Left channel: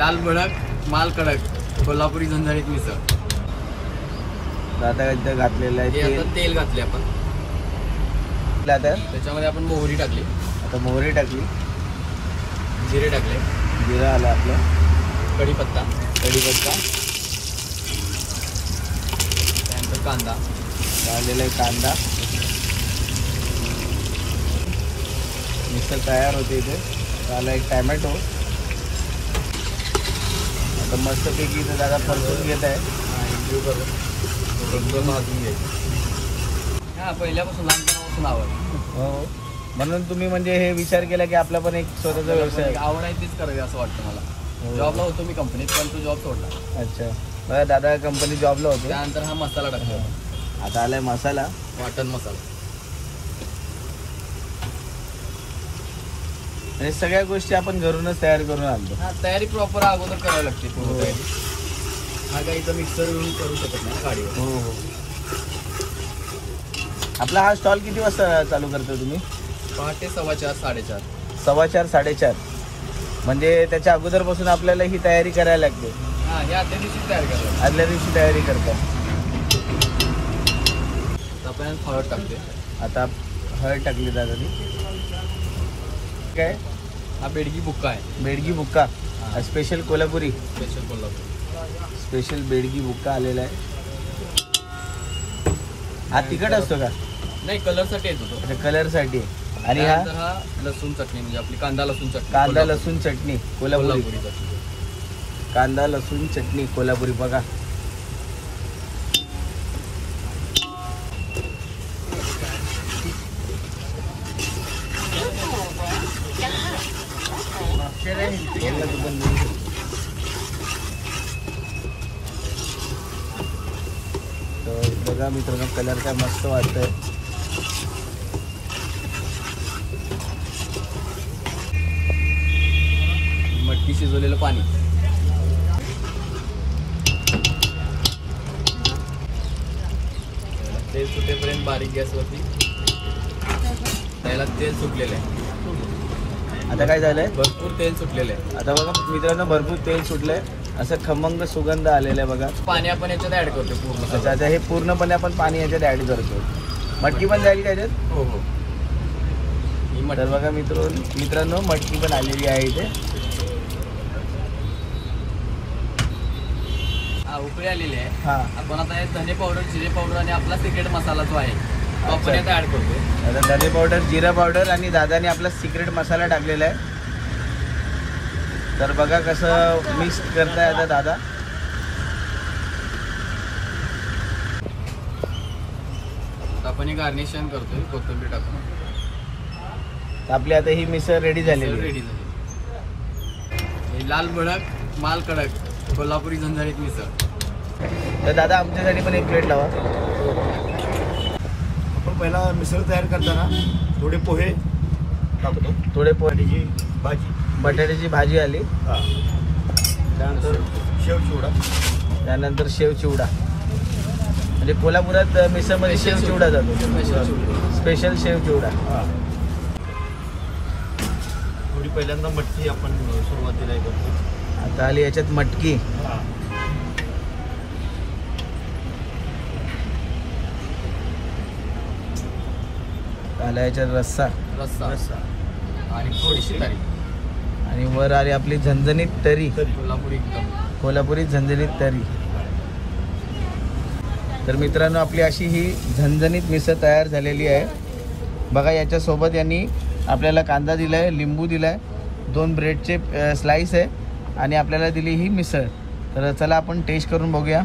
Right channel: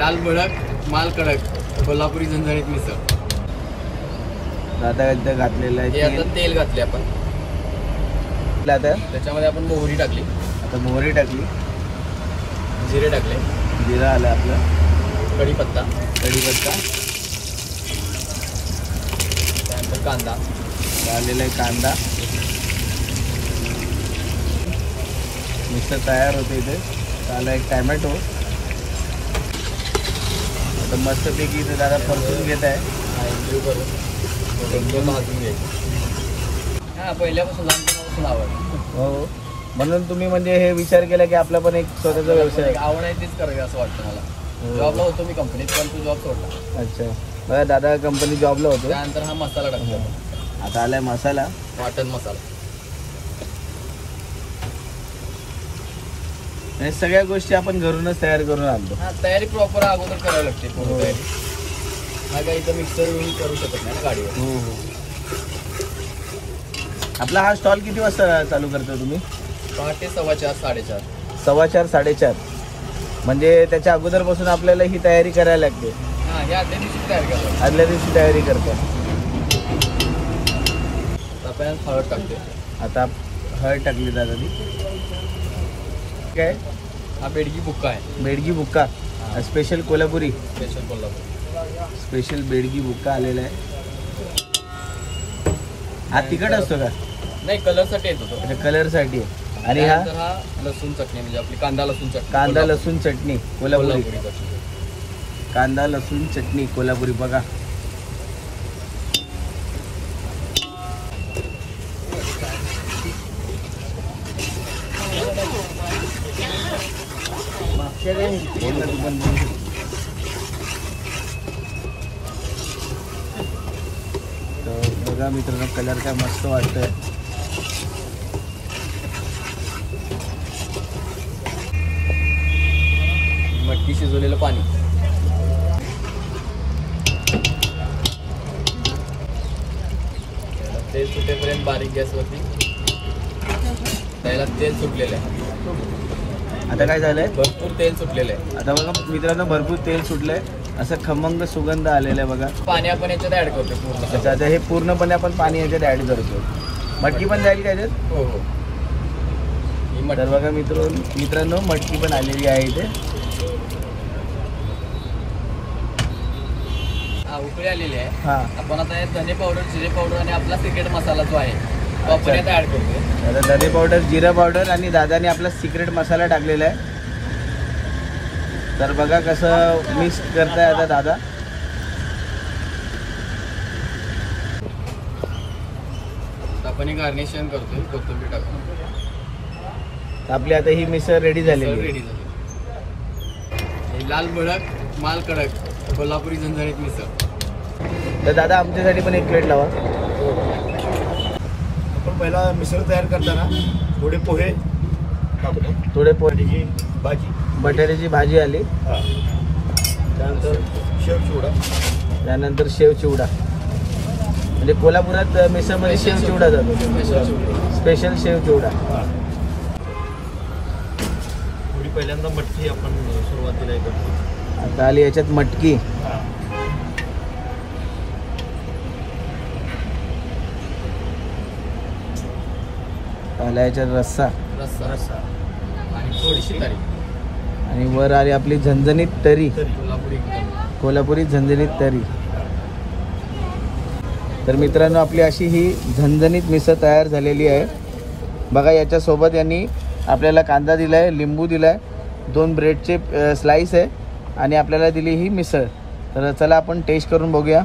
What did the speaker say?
लाल भडक माल कडक कोल्हापुरी झणझणीत मिसळ. आता एकदा घातलेलं आहे. आता तेल घातले आपण. त्याच्यामध्ये आपण मोहरी टाकली, मोहरी टाकली, जिरे टाकले, जिरा आला आपला, कढीपत्ता, कढीपत्ता, त्यानंतर कांदा आलेला आहे, कांदा. मिसळ तयार होते. इथे आला एक टॅमॅटो. मस्तपैकी इथे दादा समजून घेत आहे. इंटरव्ह्यू करून भाजून घ्यायचं. हा, पहिल्यापासून लहानपणापासून आवड. हो, म्हणून तुम्ही म्हणजे हे विचार केला की आपला पण एक स्वतःचा व्यवसाय. आवड आहे तीच करावी असं वाटतं मला. जॉबला होतो मी कंपनीत, पण तो जॉब सोडला. अच्छा, बघा दादा कंपनी जॉबला होतो. त्यानंतर हा मसाला टाकला होता. आता आलाय मसाला, वाटण मसाला. आणि सगळ्या गोष्टी आपण घरूनच तयार करून आणतो. हा, तयारी प्रॉपर अगोदर करावी लागते. पूर्ण तयारी. हा काही इथं मिक्सर येऊन करू शकत नाही ना गाडीवर. आपला हा स्टॉल किती वाजता चालू करतो तुम्ही? पहाटे 4:15 4:30. 4:15 4:30. म्हणजे त्याच्या अगोदरपासून आपल्याला ही तयारी करायला लागते. हा, हे आदल्या दिवशी तयार करायला. आदल्या दिवशी तयारी करतो. आपण हळद टाकते. आता हळद टाकली दादा. काय? हा बेडगी बुक्का आहे. बेडगी बुक्का, special Kolhapuri. Special Kolhapuri. Special Byadgi बुक्का आलेला आहे. हा तिखट असतो का? नाही, कलरसाठी येतो तो. कलरसाठी. आणि त्यानंतर हा लसूण चटणी, म्हणजे आपली कांदा लसूण चटणी. कांदा लसूण चटणी कोल्हापुरी. चटणी. कांदा लसूण चटणी कोल्हापुरी. बघा मित्रांनो, कलर काय मस्त वाटतोय. मटकी शिजवलेलं पाणी. तेल सुटेपर्यंत बारीक गॅसवरती. त्याला तेल सुटलेलं आहे. आता काय झालंय? भरपूर तेल सुटलेलं आहे. आता बघा मित्रांनो, भरपूर तेल सुटलंय. असं खमंग सुगंध आलेला आहे बघा. पाणी आपण याच्यात ऍड करतो पूर्ण. आता हे पूर्णपणे आपण पाणी याच्यात ऍड करतो. मटकी पण जाईल का याच्यात? हो हो. ही तर बघा मित्रांनो, मटकी पण आलेली आहे इथे. हा, उकळी आलेली आहे. हा, आपण आता हे धने पावडर, जिरे पावडर आणि आपला सिक्रेट मसाला जो आहे तो आपण यात ऍड करतोय. आता धने पावडर, जिरा पावडर आणि दादाने आपला सिक्रेट मसाला टाकलेला आहे. तर बघा कसं मिक्स करताय आता दादा. आपण हे गार्निशिंग करतोय कोथिंबीर टाकून. आपली आता ही मिसळ रेडी झाली. रेडी झाली. हे लाल भडक माल कडक कोल्हापुरी झणझणीत मिसळ. तर दादा आमच्यासाठी पण एक प्लेट लावा. आपण पहिला मिसळ तयार करताना थोडे पोहे टाकतो. थोडे पोह्याची भाजी, बटाट्याची भाजी आली. त्यानंतर शेव चिवडा. त्यानंतर शेव चिवडा. म्हणजे कोल्हापुरात मिसळमध्ये शेव चिवडा जातो. स्पेशल शेव चिवडा. थोडी पहिल्यांदा मटकी आपण सुरुवातीला करतो. आता आली याच्यात मटकी. आला याच्यात रस्सा. रस्सा आणि थोडीशी तरी. आणि वर आली आपली झणझणीत तरी. कोल्हापुरी कोल्हापुरी झणझणीत तरी. तर मित्रांनो, आपली अशी ही झणझणीत मिसळ तयार झालेली आहे. बघा याच्यासोबत यांनी आपल्याला कांदा दिलाय, लिंबू दिलाय, 2 ब्रेडचे स्लाइस आहे आणि आपल्याला दिली ही मिसळ. तर चला आपण टेस्ट करून बघूया.